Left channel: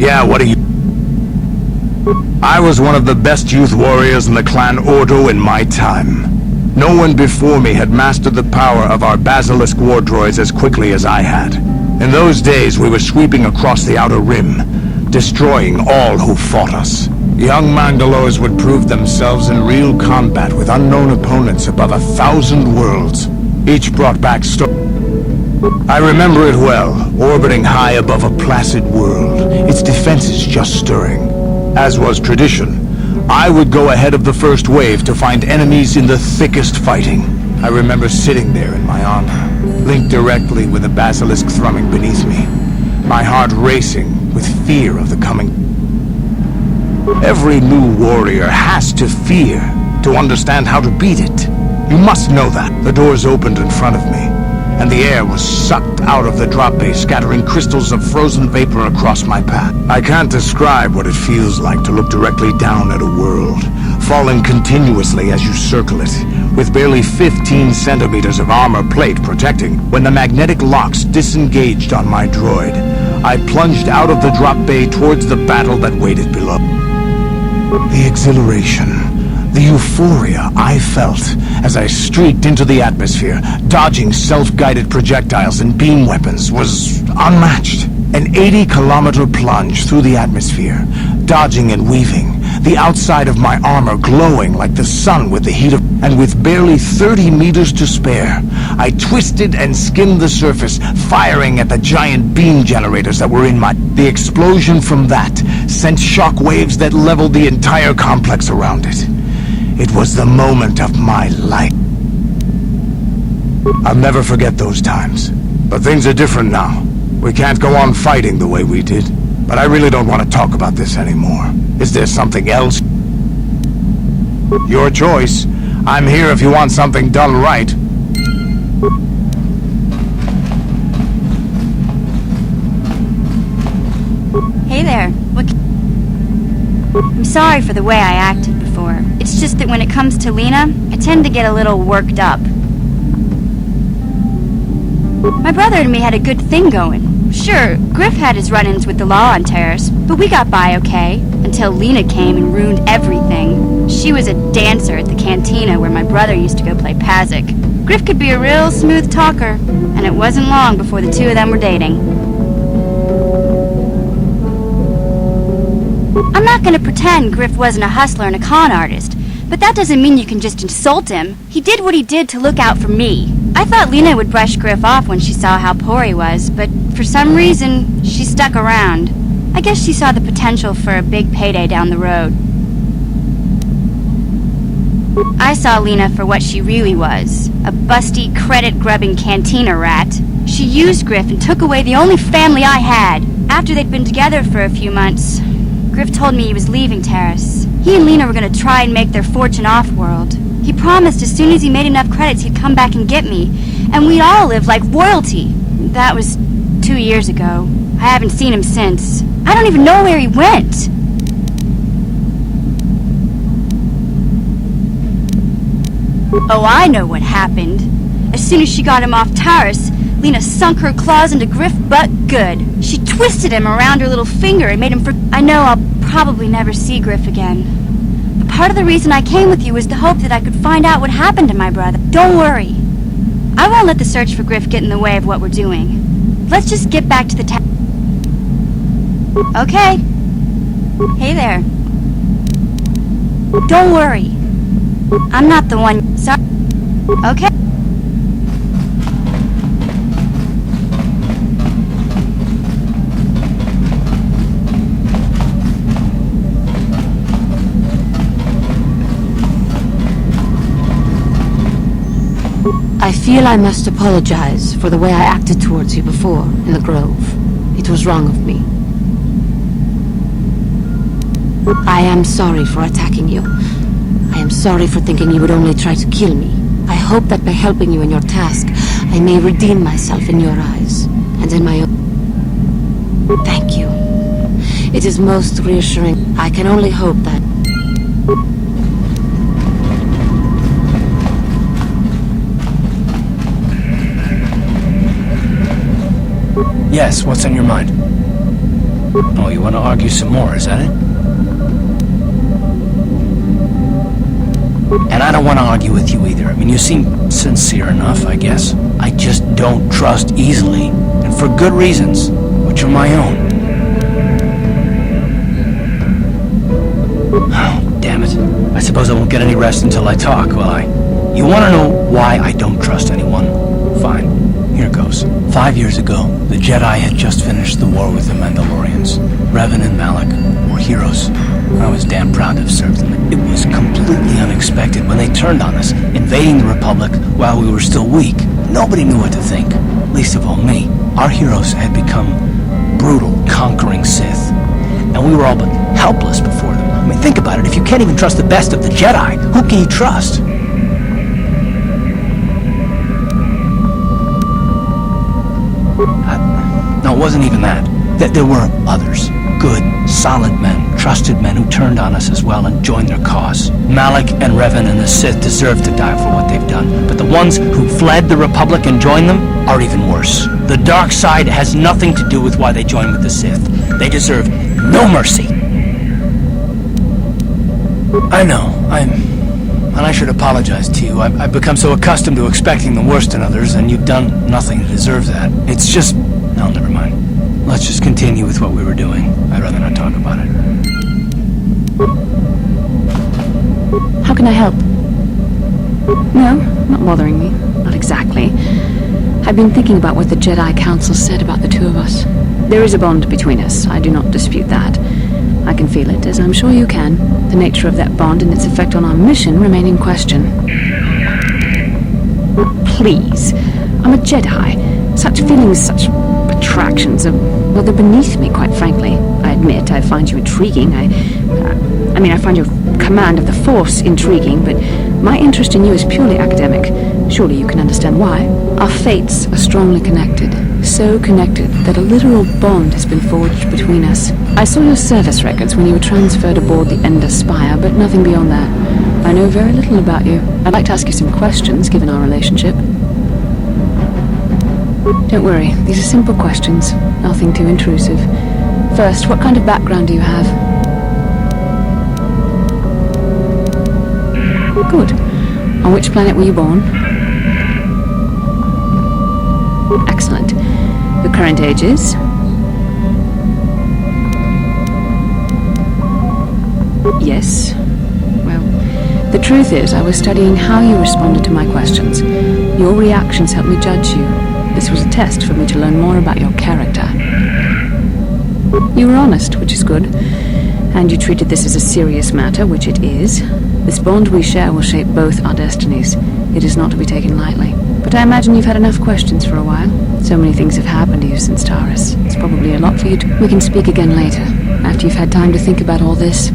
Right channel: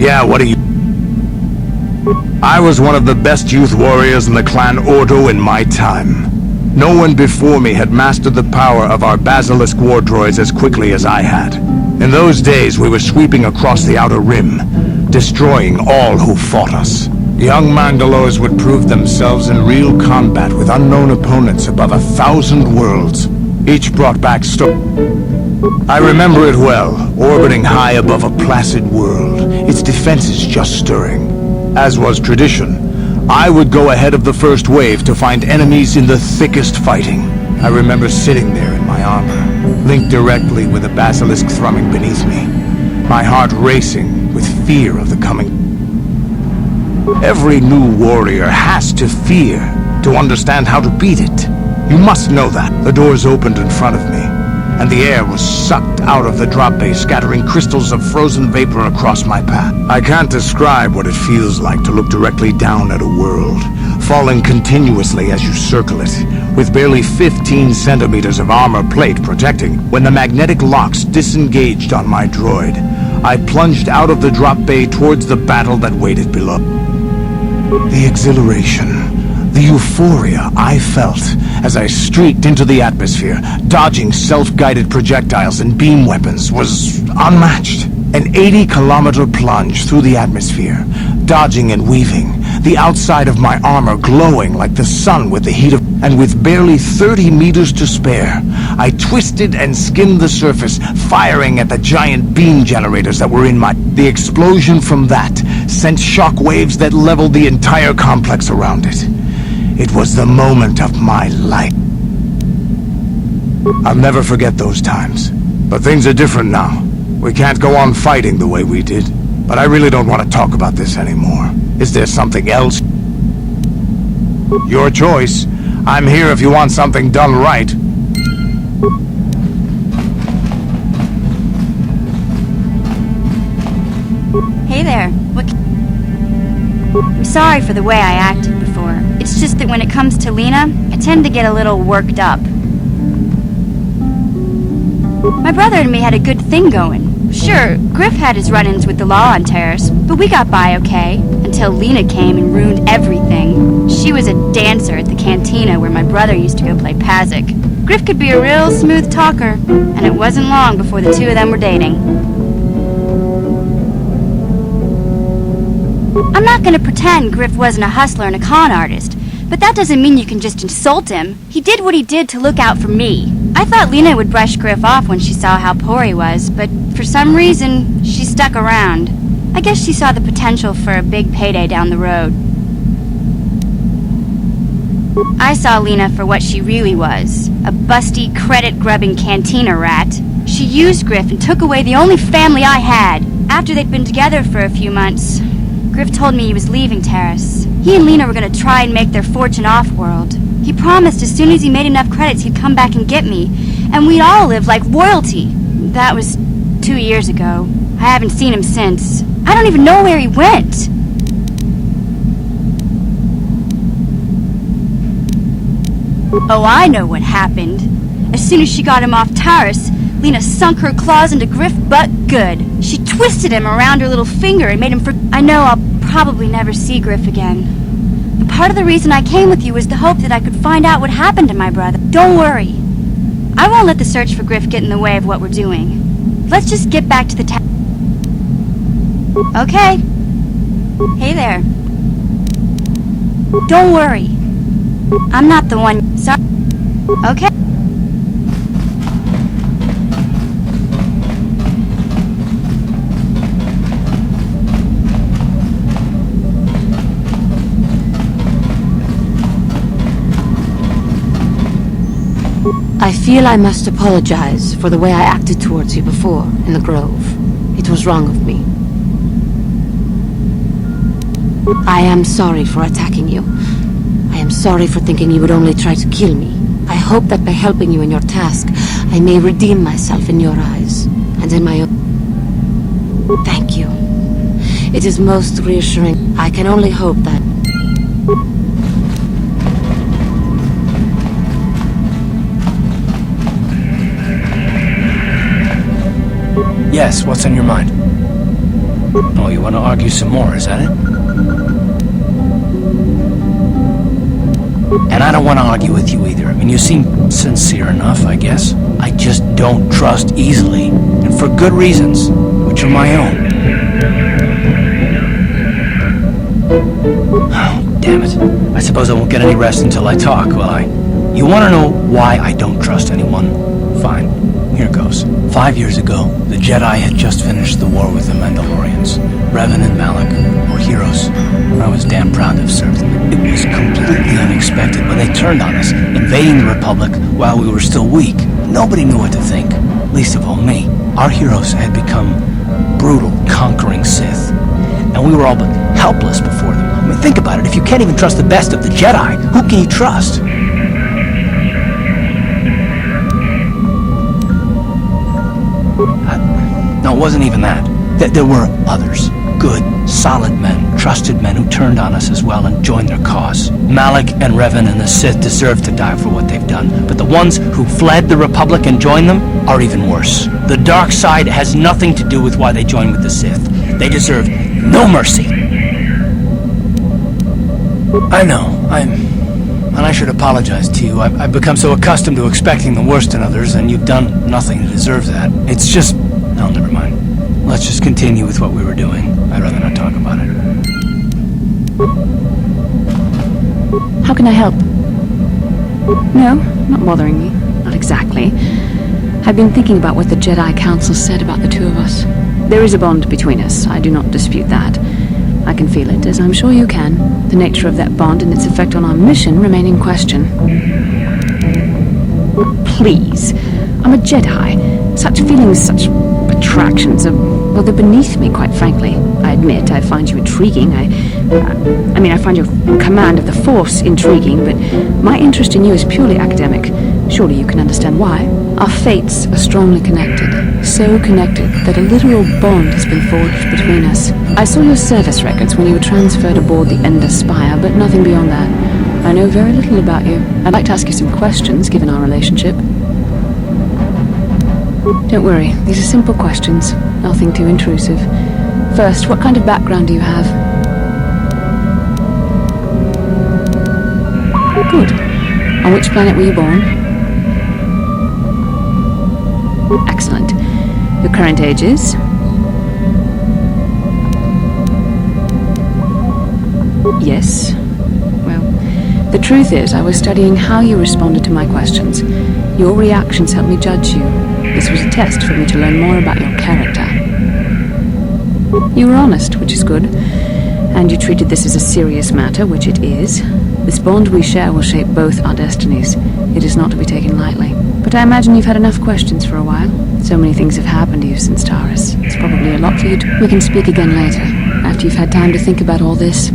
Yeah, what do you... I was one of the best youth warriors in the clan Ordo in my time. No one before me had mastered the power of our basilisk war droids as quickly as I had. In those days, we were sweeping across the Outer Rim, destroying all who fought us. Young Mandalores would prove themselves in real combat with unknown opponents above 1,000 worlds. Each brought back I remember it well, orbiting high above a placid world, its defenses just stirring. As was tradition, I would go ahead of the first wave to find enemies in the thickest fighting. I remember sitting there in my armor, linked directly with a basilisk thrumming beneath me, my heart racing with fear of the coming. Every new warrior has to fear to understand how to beat it. You must know that. The doors opened in front of me, and the air was sucked out of the drop bay, scattering crystals of frozen vapor across my path. I can't describe what it feels like to look directly down at a world, falling continuously as you circle it, with barely 15 centimeters of armor plate protecting. When the magnetic locks disengaged on my droid, I plunged out of the drop bay towards the battle that waited below. The exhilaration, the euphoria I felt as I streaked into the atmosphere, dodging self-guided projectiles and beam weapons, was unmatched. An 80-kilometer plunge through the atmosphere, dodging and weaving, the outside of my armor glowing like the sun with the heat of... And with barely 30 meters to spare, I twisted and skimmed the surface, firing at the giant beam generators that were in my... The explosion from that sent shock waves that leveled the entire complex around it. It was the moment of my life. I'll never forget those times. But things are different now. We can't go on fighting the way we did. But I really don't want to talk about this anymore. Is there something else? Your choice. I'm here if you want something done right. Hey there. I'm sorry for the way I acted before. It's just that when it comes to Lina, I tend to get a little worked up. My brother and me had a good thing going. Sure, Griff had his run-ins with the law on Terrace, but we got by okay, until Lina came and ruined everything. She was a dancer at the cantina where my brother used to go play Pazik. Griff could be a real smooth talker, and it wasn't long before the two of them were dating. I'm not gonna pretend Griff wasn't a hustler and a con artist, but that doesn't mean you can just insult him. He did what he did to look out for me. I thought Lina would brush Griff off when she saw how poor he was, but for some reason, she stuck around. I guess she saw the potential for a big payday down the road. I saw Lina for what she really was, a busty, credit-grubbing cantina rat. She used Griff and took away the only family I had. After they'd been together for a few months, Griff told me he was leaving Terrace. He and Lina were going to try and make their fortune off-world. He promised as soon as he made enough credits he'd come back and get me, and we'd all live like royalty. That was 2 years ago. I haven't seen him since. I don't even know where he went. Oh, I know what happened. As soon as she got him off Terrace, Lina sunk her claws into Griff but good. She twisted him around her little finger and made him I know I'll probably never see Griff again. But part of the reason I came with you was the hope that I could find out what happened to my brother. Don't worry. I won't let the search for Griff get in the way of what we're doing. Let's just get back to the town. Okay. Hey there. Don't worry. I'm not the one... Sorry. Okay. I feel I must apologize for the way I acted towards you before, in the Grove. It was wrong of me. I am sorry for attacking you. I am sorry for thinking you would only try to kill me. I hope that by helping you in your task, I may redeem myself in your eyes, and in my own. Thank you. It is most reassuring. I can only hope that... Yes, what's on your mind? Oh, you want to argue some more, is that it? And I don't want to argue with you either. I mean, you seem sincere enough, I guess. I just don't trust easily, and for good reasons, which are my own. Oh, damn it. I suppose I won't get any rest until I talk, will I? You want to know why I don't trust anyone? Fine. Here goes. 5 years ago, the Jedi had just finished the war with the Mandalorians. Revan and Malak were heroes. I was damn proud to have served them. It was completely unexpected when they turned on us, invading the Republic while we were still weak. Nobody knew what to think, least of all me. Our heroes had become brutal, conquering Sith, and we were all but helpless before them. I mean, think about it. If you can't even trust the best of the Jedi, who can you trust? No, it wasn't even that. There were others. Good, solid men, trusted men who turned on us as well and joined their cause. Malak and Revan and the Sith deserve to die for what they've done, but the ones who fled the Republic and joined them are even worse. The dark side has nothing to do with why they joined with the Sith. They deserve no mercy. I know, and I should apologize to you. I've become so accustomed to expecting the worst in others, and you've done nothing to deserve that. It's just... No, never mind. Let's just continue with what we were doing. I'd rather not talk about it. How can I help? No, not bothering me. Not exactly. I've been thinking about what the Jedi Council said about the two of us. There is a bond between us. I do not dispute that. I can feel it, as I'm sure you can. The nature of that bond and its effect on our mission remain in question. Please. I'm a Jedi. Such feelings, such attractions are, well, they're beneath me, quite frankly. I admit I find you intriguing. I find your command of the Force intriguing, but my interest in you is purely academic. Surely you can understand why. Our fates are strongly connected. So connected that a literal bond has been forged between us. I saw your service records when you were transferred aboard the Ender Spire, but nothing beyond that. I know very little about you. I'd like to ask you some questions, given our relationship. Don't worry, these are simple questions. Nothing too intrusive. First, what kind of background do you have? Good. On which planet were you born? Excellent. Your current age is? Yes. Well, the truth is, I was studying how you responded to my questions. Your reactions helped me judge you. This was a test for me to learn more about your character. You were honest, which is good. And you treated this as a serious matter, which it is. This bond we share will shape both our destinies. It is not to be taken lightly. But I imagine you've had enough questions for a while. So many things have happened to you since Taurus. It's probably a lot for you to... We can speak again later, after you've had time to think about all this.